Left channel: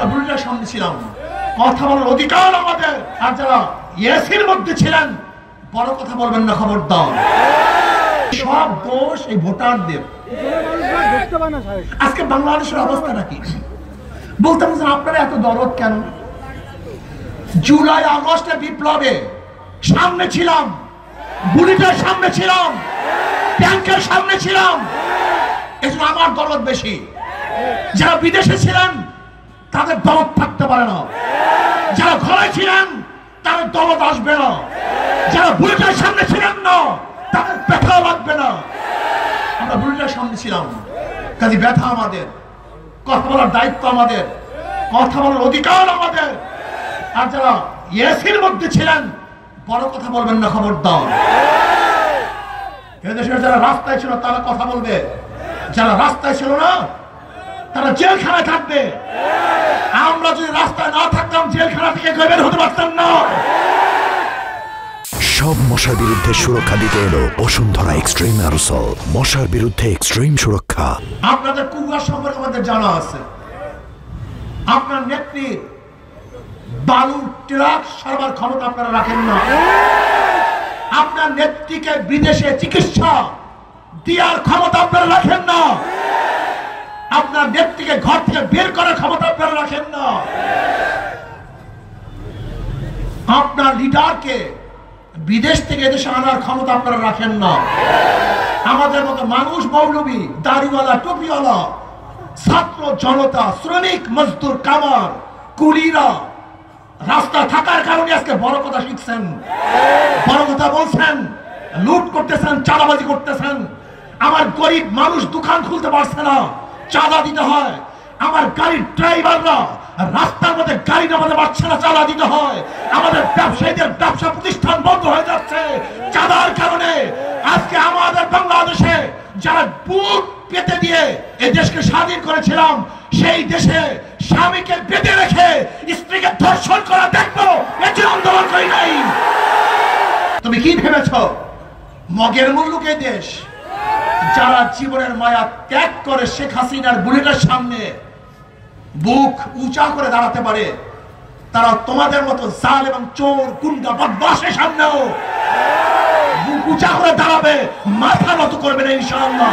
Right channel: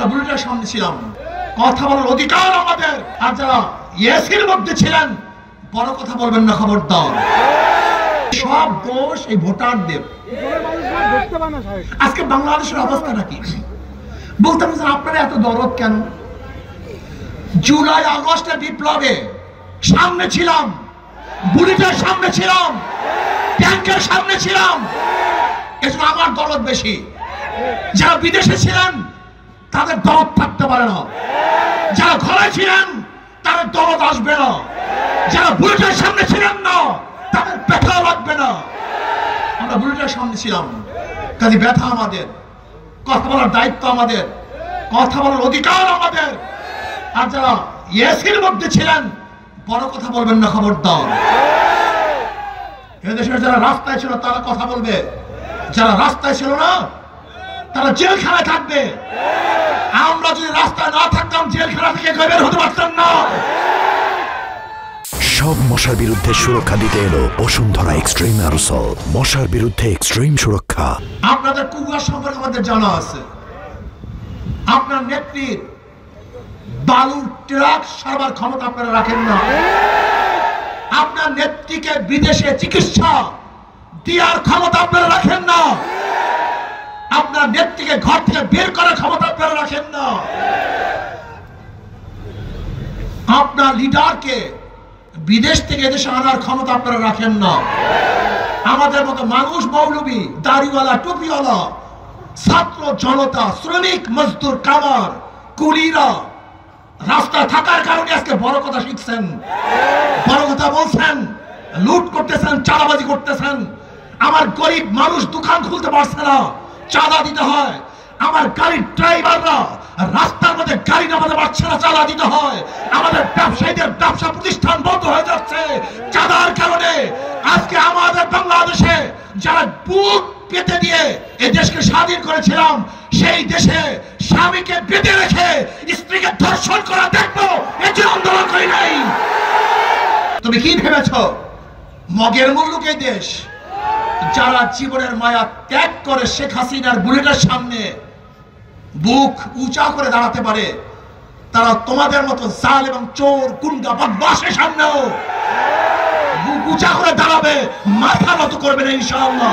আমরা বুলেটের সামনে ছিলাম, কথা বলার অধিকার আমাদের। আর যারা এসির মধ্যে ছিলেন বড় কথা বলবেন না, খবরদার। সব দোষ এই ভোটারদের। আজকে বাংলাদেশের অবস্থা নাকি বলতে বলছেন আপনারা এত দরদ কেন? জুলাই আগস্টের বিপ্লবে সামনে ছিলাম, বুলেটের সামনে ছিলাম, ট্যাঙ্কের সামনে ছিলাম, এজন্য আমার দরদ বেশি। যারা বিদেশে ছিলেন তাদের দরদ থাকতে পারে না, যারা ঘরে ছিলেন তাদের দরদ আসবে না, যারা বুলেটের সামনে ছিলেন না তাদের ব্যথা লাগবে না। আমরা বুলেটের সামনে ছিলাম, কাজে ব্যথা আমাদের, কথা বলার দায়িত্ব আমাদের, কথা বলার অধিকার আমাদের। আর যারা এসির মধ্যে ছিলেন বড় কথা বলবেন না, খবরদার। এদেশের যারা রাস্তায় ছিল তারা কথা বলবে, যারা রাস্তায় ছিল না তারা জেলখানায় থাকবে। আমরা যদি রাস্তায় না থাকতাম জেলখানা থেকে বের হতে পারতাম না। সব মশার বিরুদ্ধে সুরক্ষা দিতে এলো বসুন্ধরা এক্সট্রিম অ্যারোসল, মশার বিরুদ্ধে এক্সট্রিম সুরক্ষা। আপনাদের কুয়ার সম্পর্কে আমাদের জানা আছে। আপনার নেত্রীর বালুর ট্রাক সারাবার ক্ষমতা আপনারা রাখেন না। আপনার নেত্রীকে বিদেশে চিকিৎসা দেওয়ার ক্ষমতা আপনারা রাখেন না। আপনার নেত্রীকে ঘর থেকে বের করার ক্ষমতা আপনারা রাখেন না। আপনার লিডারকে বিদেশ থেকে এদেশে আনার ক্ষমতা আপনারা রাখেন না। আমাদের মতো মানুষ, মৌলবী, দাড়িওয়ালা, টুপিওয়ালা, ছাত্র জনতা, শ্রমিক, মজদুর, কামার, কুলিরা রাস্তা থাকার কারণে আজকে বড় কথা শিখছেন, বড় কথা বলছেন, লুট করতেছেন, চাঁদাবাজি করতেছেন। আমার গরিব মানুষ দোকান খুলতে পারছে না, চাঁদা দিতে হয়। আমার গাড়ির ড্রাইভাররা রাস্তার মধ্যে গাড়ি নামাতে পারছে না, চাঁদা দিতে হয়। আমাদের ব্যবসায়ীদের ব্যবসা প্রতিষ্ঠান বন্ধ হয়ে যাচ্ছে চাঁদার কারণে। আজকে আমাদের বাংলাদেশে যারা বুক পেতে দিয়ে এই দেশকে স্বাধীন করেছিলাম, সেই দেশে স্বামীকে বেঁধে রেখে স্ত্রীকে ধর্ষণ করা দেখবো, এটি আন্দোলন করি নাই। তুমি কি ভেবেছ মগের মুল্লুকে দেশ? যারা জীবনের মায়া ত্যাগ করে শেখ হাসিনার বুলেটের সামনে বুক উঁচা করে দাঁড়াতে পারে, তারা তোমাদের মতো জাল এবং চোর, গুন্ডা, বদমাশের সামনেও বুক উঁচা করে দাঁড়াবে, মাথা নত করবে না ইনশাআল্লাহ।